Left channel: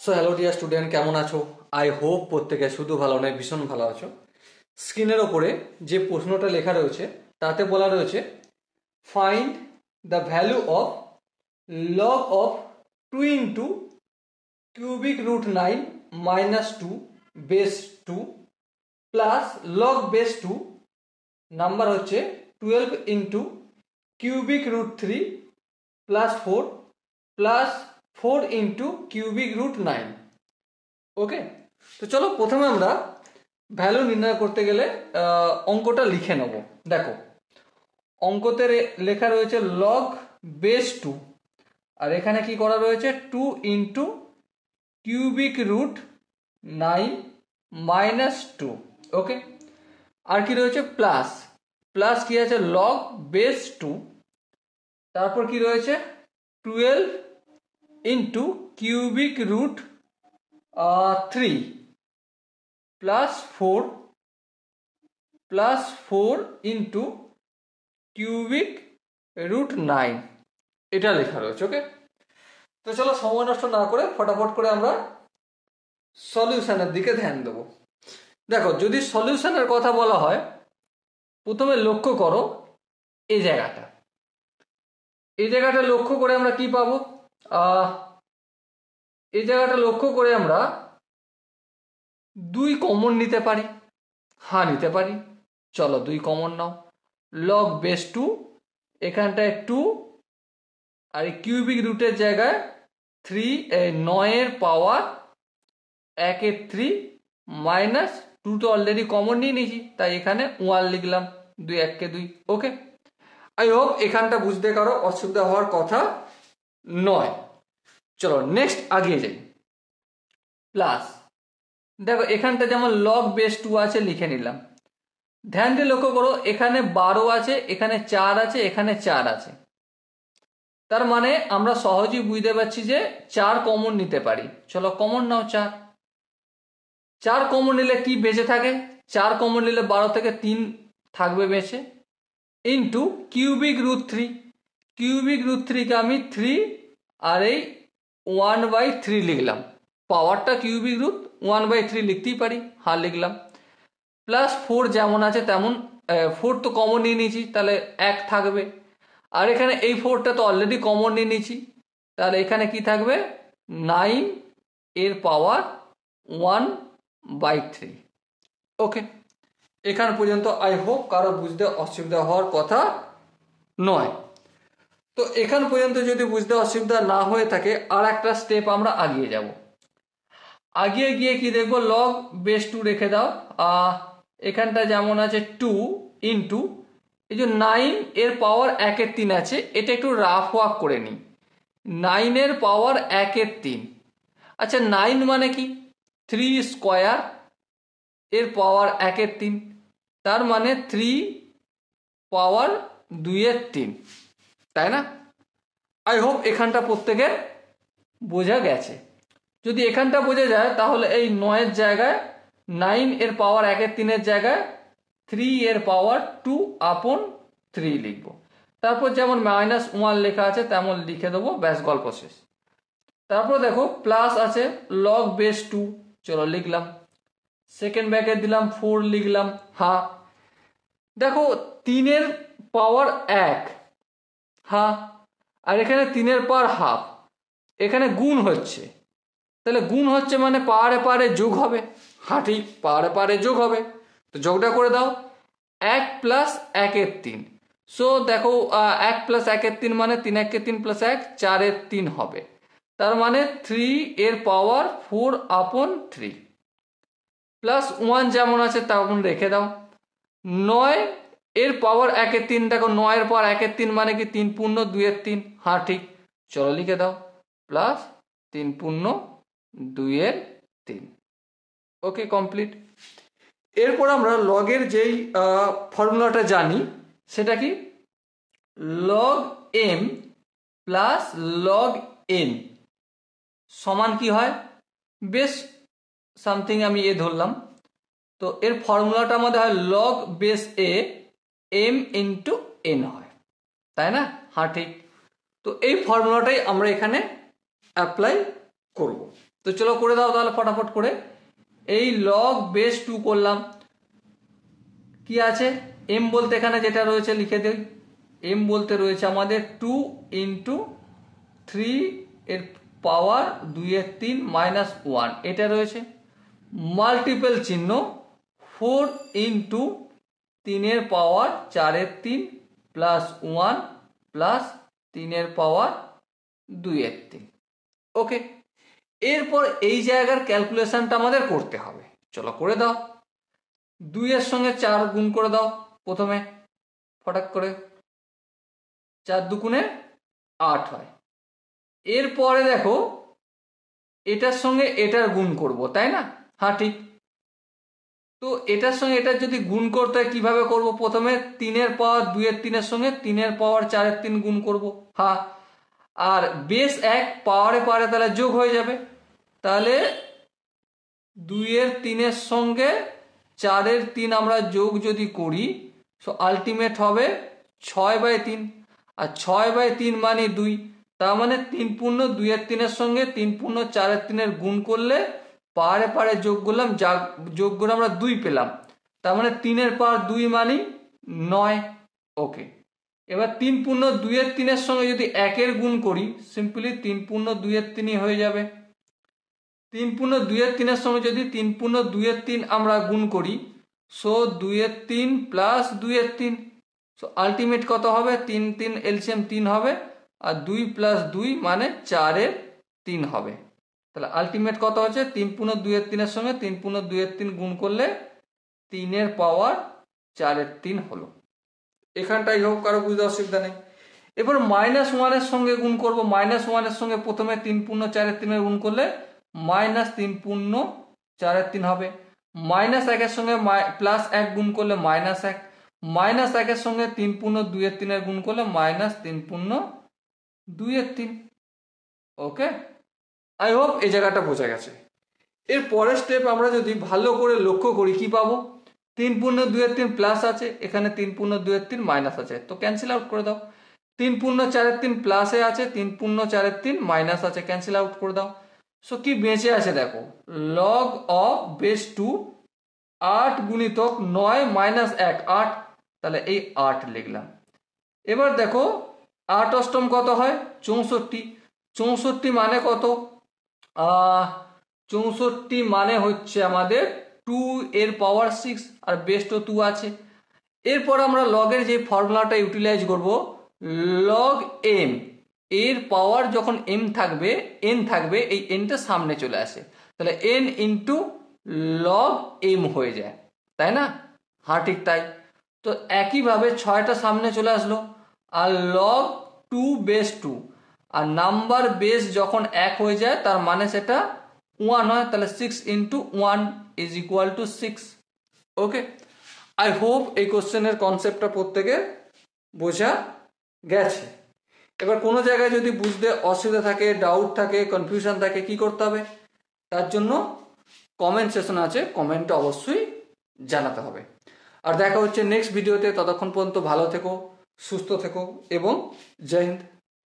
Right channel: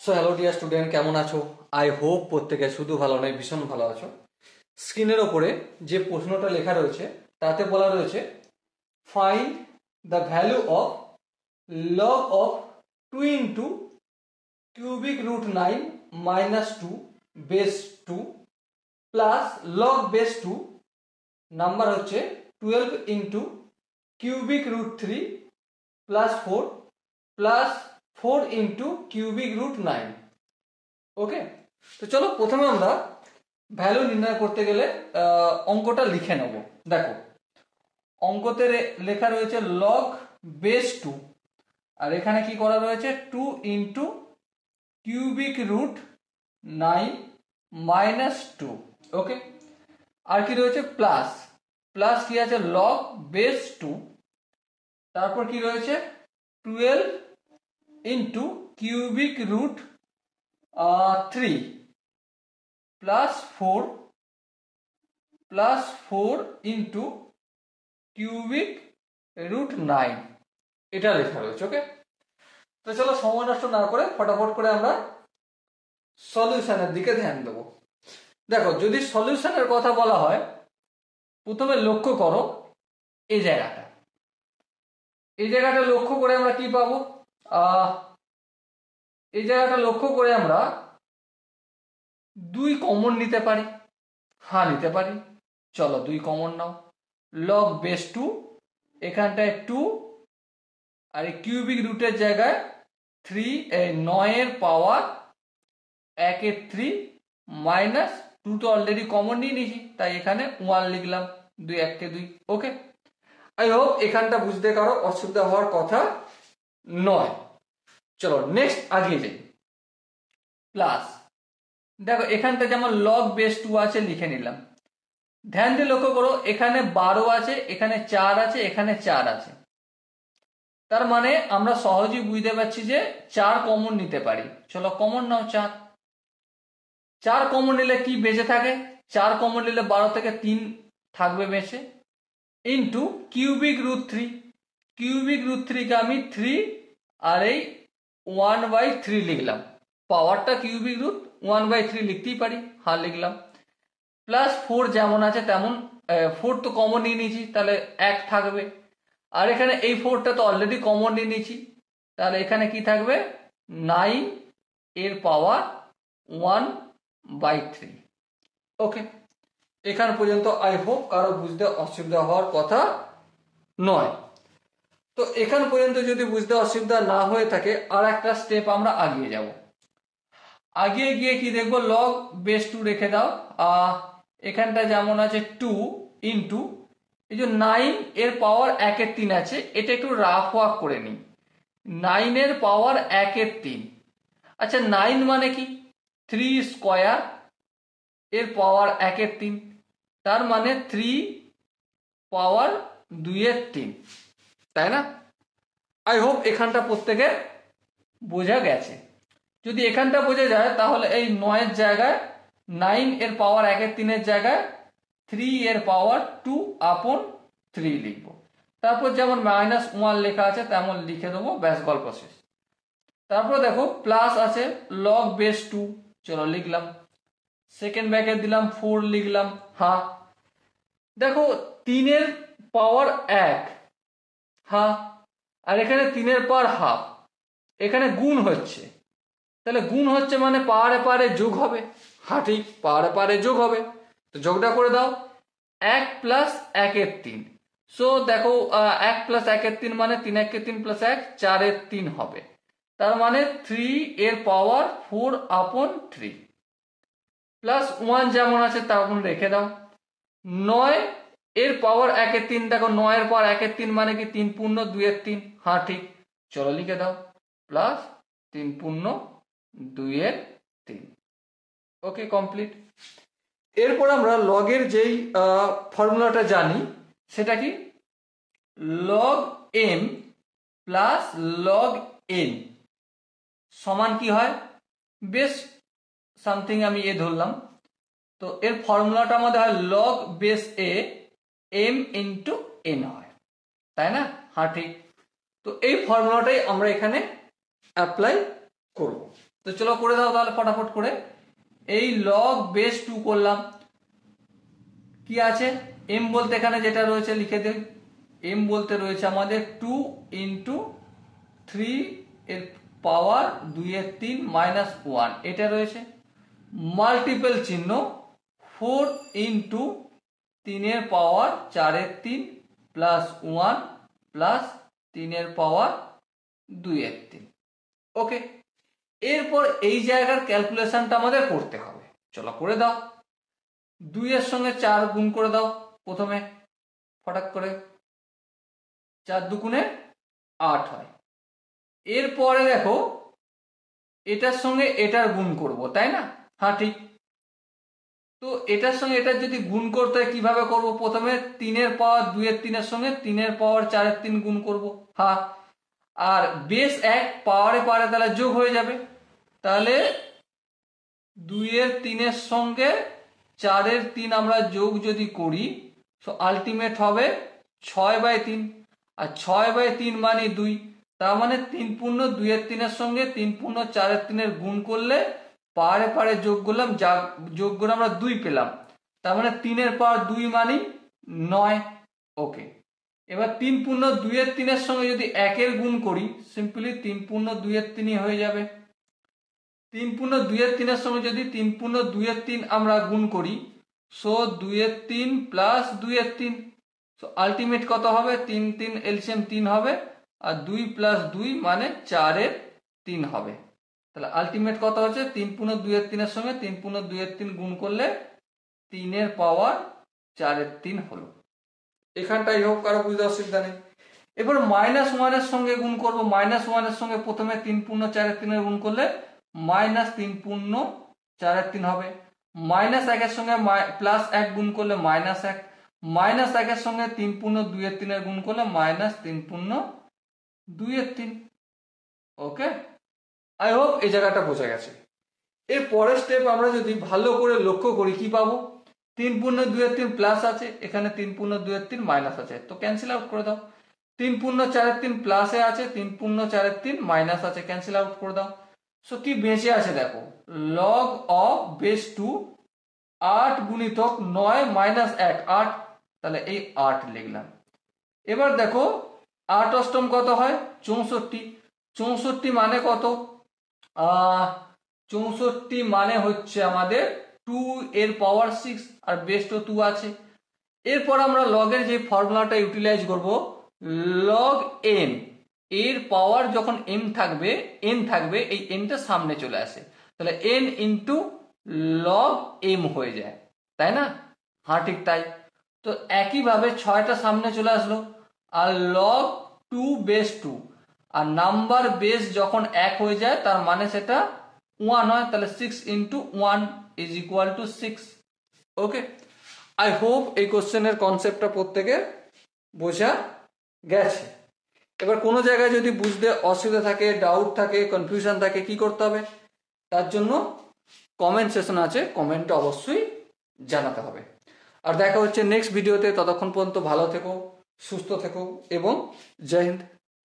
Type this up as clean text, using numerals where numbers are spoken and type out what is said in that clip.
So hello dear student, কেমন আছো? I hope প্রত্যেকে শুধু ভালো নয়, ভীষণ ভালো আছো। স্ক্রিনের ওপরে যে প্রশ্নটা লেখা রয়েছে তাতে বলা রয়েছে find the value of log of 2 into cubic root 9 minus 2 base 2 plus log base 2 number হচ্ছে 12 into cubic root 3 plus 4 plus 4 into cubic root 9। Okay, তো চলো প্রথমে আমরা ভ্যালু নির্ণয় করতে গেলে অঙ্কটা লিখে নেব। দেখো, অঙ্কতে লেখা রয়েছে লগ বেস 2, আর এখানে কি করা রয়েছে 2 ইন্টু কিউবিক রুট 9 মাইনাস 2। ওকে, আর কি রয়েছে প্লাস, প্লাস কি আছে লগ বেস 2, তারপর কি রয়েছে 12 into cubic root 3 plus 4 into cubic root 9, এটা লেখা রয়েছে। ওকে, তো চলো সময় নষ্ট না করে ফটাফট করে আমরা সলিউশনের দিকে ধ্যান দেবো। দেখো, যদি সলিউশনের কথা বলা হয়, প্রথমে লক্ষ্য করো এই জায়গাটা লক্ষ্য করে আমরা কি পাবো? এই জায়গাটা লক্ষ্য করে আমরা 2 কমন নিতে পারি। হ্যাঁ, নিতে পারি। চলো 2 কমন নাও। লগ বেস 2, এখানটায় 2, আর এই কিউবিক রুটের জায়গায় 3, 9 এর পাওয়ার 1 এর 3 মাইনাস 2 তো অলরেডি কমন নিয়ে নিয়েছি, তাই এখানে 1 লিখলাম, 2 1 কে 2। ওকে, আই হোপ এখানটা বুঝতে কারো অসুবিধা হওয়ার কথা নয়। চলো নেক্সট আগে যাই। প্লাস দেখো, এখানটা যেমন লগ বেস 2 আছে লিখে নিলাম। ধ্যান দিয়ে লক্ষ্য করো, এখানে 12 আছে, এখানে 4 আছে, এখানে 4 আছে। তার মানে আমরা সহজেই বুঝতে পারছি যে 4 কমন নিতে পারি। চলো কমন নাও 4 কমন নিলে কি বেঁচে থাকে? 4 কমন নিলে 12 থেকে 3 থাকবে বেঁচে, into cubic root 3। Cubic root 3 কে আমি 3 আর এই 1/3 লিখলাম। পাওয়ারটা কিউবিক রুট 1/3 লিখতেই পারি, হ্যাঁ লিখলাম। প্লাস 4 যেমন আছে তেমন, 4 তো কমন নিয়ে নিয়েছি, তাহলে 1 থাকবে। আর এখানে এই 4টা তো অলরেডি কমন নিয়ে নিয়েছি, তাহলে এখানে কি থাকবে 9 এর পাওয়ার 1/3। ওকে, এখান পর্যন্ত আই হোপ কারো বুঝতে অসুবিধা হওয়ার কথা নয়। তো এখান পর্যন্ত যদি বুঝতে অসুবিধা না হয়ে থাকে, আর একটা স্টেপ আমরা আগিয়ে যাব। আগিয়ে গিয়ে কি দেখবো, লগ বেস 2 রেখে দাও। এখানটা যেমন আছে 2 ইন্টু এই যে 9 এর পাওয়ার 1 এর 3 আছে, এটা একটু রাফ ওয়ার্ক করে নিই। 9 এর পাওয়ার 1 এর 3, আচ্ছা 9 মানে কি 3 স্কোয়ার এর পাওয়ার 1 এর 3, তার মানে 3 পাওয়ার 2 এর 3, তাই না? আই হোপ এখানটা প্রত্যেকের বোঝা গেছে। যদি এখানটা বোঝা যায়, তাহলে এই 9 এর জায়গায় 9 এর পাওয়ার 1 এর 3 এর জায়গায় 3 এর পাওয়ার 2/3 লিখব। তারপর যেমন -1 লেখা আছে তেমন লিখে দেবো, ব্যাস গল্প শেষ। তারপর দেখো প্লাস আছে লগ বেস 2, চলো লিখলাম। সেকেন্ড ব্র্যাকেট দিলাম, 4 লিখলাম। হ্যাঁ, দেখো 3 এর পাওয়ার 1, হ্যাঁ, আর এখানে 3 এর পাওয়ার হাফ, এখানে গুণ হচ্ছে, তাহলে গুণ হচ্ছে মানে পাওয়ারে পাওয়ারে যোগ হবে। হ্যাঁ ঠিক, পাওয়ারে পাওয়ারে যোগ হবে, তো যোগটা করে দাও। 1 প্লাস 1 এর 3, সো দেখো 1 প্লাস 1 এর 3 মানে 3 1 এর 3 প্লাস 1 4 এর 3 হবে, তার মানে 3 এর পাওয়ার 4/3 প্লাস 1 যেমন আছে তেমন রেখে দাও। 9 এর পাওয়ার 1 এর 3, দেখো 9 এর পাওয়ার 1 এর 3 মানে কি 3 পূর্ণ 2 এর 3, হ্যাঁ ঠিক, চলো লিখে দাও প্লাস 3 পূর্ণ 2 এর 3। Okay, complete. এরপর আমরা লগের যেই ফর্মুলাটা জানি, সেটা কি log M plus log N সমান কি হয়, বেশ সামথিং আমি এ ধরলাম, তো এর ফর্মুলাটা আমাদের হয় log base A M into N হয়, তাই না? হ্যাঁ ঠিক, তো এই ফর্মুলাটাই আমরা এখানে অ্যাপ্লাই করব। তো চলো করে দাও তাহলে ফটাফট করে। এই লগ বেস 2 করলাম, কি আছে m বলতে এখানে যেটা রয়েছে লিখে দেই, m বলতে রয়েছে আমাদের 2 ইন্টু 3 এর পাওয়ার 2 এর 3 মাইনাস 1 এটা রয়েছে, মাল্টিপল চিহ্ন 4 ইন্টু 3 এর পাওয়ার 4 এর 3 প্লাস 1 প্লাস 3 এর পাওয়ার 2 এর 3। ওকে, এরপর এই জায়গার ক্যালকুলেশনটা আমাদের করতে হবে। চলো করে দাও। 2 এর সঙ্গে 4 গুণ করে দাও প্রথমে ফটাক করে, 4 দুগুণে 8 হয়। এরপরে দেখো এটার সঙ্গে এটার গুণ করব, তাই না? হ্যাঁ ঠিক। তো এটার সঙ্গে এটার যদি গুণ করতে হয় কিভাবে করব? প্রথমে 3 এর পাওয়ার 2 এর 3 এর সঙ্গে 3 এর পাওয়ার 4 এর 3 গুণ করব। হ্যাঁ, আর বেস 1 পাওয়ারে পাওয়ারে তাহলে যোগ হয়ে যাবে। তাহলে 2 এর 3 এর সঙ্গে 4 এর 3 আমরা যোগ যদি করি তো আলটিমেট হবে 6/3, আর 6/3 মানে 2, তার মানে 3 পূর্ণ 2 এর 3 এর সঙ্গে 3 পূর্ণ 4 এর 3 এর গুণ করলে পাহাড়ে পাহাড়ে যোগ করলাম, যা যোগ করে আমরা 2 পেলাম, তার মানে 3 এর পাওয়ার 2 মানে 9। ওকে, এবার 3 পূর্ণ 2 এর 3 এর সঙ্গে যদি 1 এর গুণ করি সিম্পলি 3 পূর্ণ 2 এর 3 হয়ে যাবে। 3 পূর্ণ 2 এর 3 এর সঙ্গে যদি 3 পূর্ণ 2 এর 3 আমরা গুণ করি সো 2 এর 3 প্লাস 2 এর 3, সো আলটিমেট কত হবে? 3 3 এলসিএম 3 হবে, আর 2 প্লাস 2 মানে 4 এর 3 হবে। তাহলে আলটিমেট কত হচ্ছে? 3 পূর্ণ 2 এর 3 এর সঙ্গে 3 পূর্ণ 2 এর 3 গুণ করলে 3 এর পাওয়ার 4 এর 3 হলো। এখানটাই হোক, কারো বুঝতে অসুবিধা নেই। এবার -1 এর সঙ্গে গুণ করব। -1 এর সঙ্গে প্রথমে 3 পূর্ণ 4 এর 3 এর গুণ করলে -3 পূর্ণ 4 এর 3 হবে। -1 এর সঙ্গে +1 গুণ করলে -1, -1 এর সঙ্গে 3 পূর্ণ 2 এর 3 এর গুণ করলে -3 পূর্ণ 2 এর 3। ওকে, আই হোপ এই জায়গাটা বোঝা গেছে। এর পরের স্টেপ আমরা যদি ভালো করে লক্ষ্য করি কি পাবো? 3 পূর্ণ 2 এর 3 প্লাস আছে, এখানে 3 পূর্ণ 2 এর 3 মাইনাস আছে, তো ক্যান্সেল আউট করে দাও। 3 পূর্ণ 4 এর 3 প্লাসে আছে, 3 পূর্ণ 4 এর 3 মাইনাস আছে, ক্যান্সেল আউট করে দাও। সো কি বেঁচে আছে দেখো, লগ অফ বেস 2 8 গুণিতক 9 মাইনাস 1 8, তাহলে এই 8 লিখলাম। এবার দেখো 8 অষ্টম কত হয়? 64। 64 মানে কত? 64 মানে হচ্ছে আমাদের 2 এর পাওয়ার 6, আর বেস তো 2 আছে। এরপর আমরা লগের যে ফর্মুলাটা ইউটিলাইজ করব, লগ এন, এর পাওয়ার যখন m থাকবে n থাকবে, এই nটা সামনে চলে আসে, তাহলে n ইন্টু লগ m হয়ে যায়, তাই না? হ্যাঁ ঠিক তাই। তো একইভাবে 6টা সামনে চলে আসলো, আর লগ 2 বেস 2, আর নাম্বার বেস যখন 1 হয়ে যায় তার মানে সেটা 1 হয়, তাহলে 6 into 1 is equal to 6। Okay, I hope এই কোশ্চেনের কনসেপ্টটা প্রত্যেকের বোঝা গেছে। এবার কোনো জায়গায় যদি বুঝতে অসুবিধা থাকে, ডাউট থাকে, কনফিউশন থাকে, কি করতে হবে? তার জন্য কমেন্ট সেকশন আছে, কমেন্টে অবশ্যই জানাতে হবে। আর দেখা হচ্ছে নেক্সট ভিডিওতে, ততক্ষণ পর্যন্ত ভালো থেকো, সুস্থ থেকো এবং জয় হিন্দ।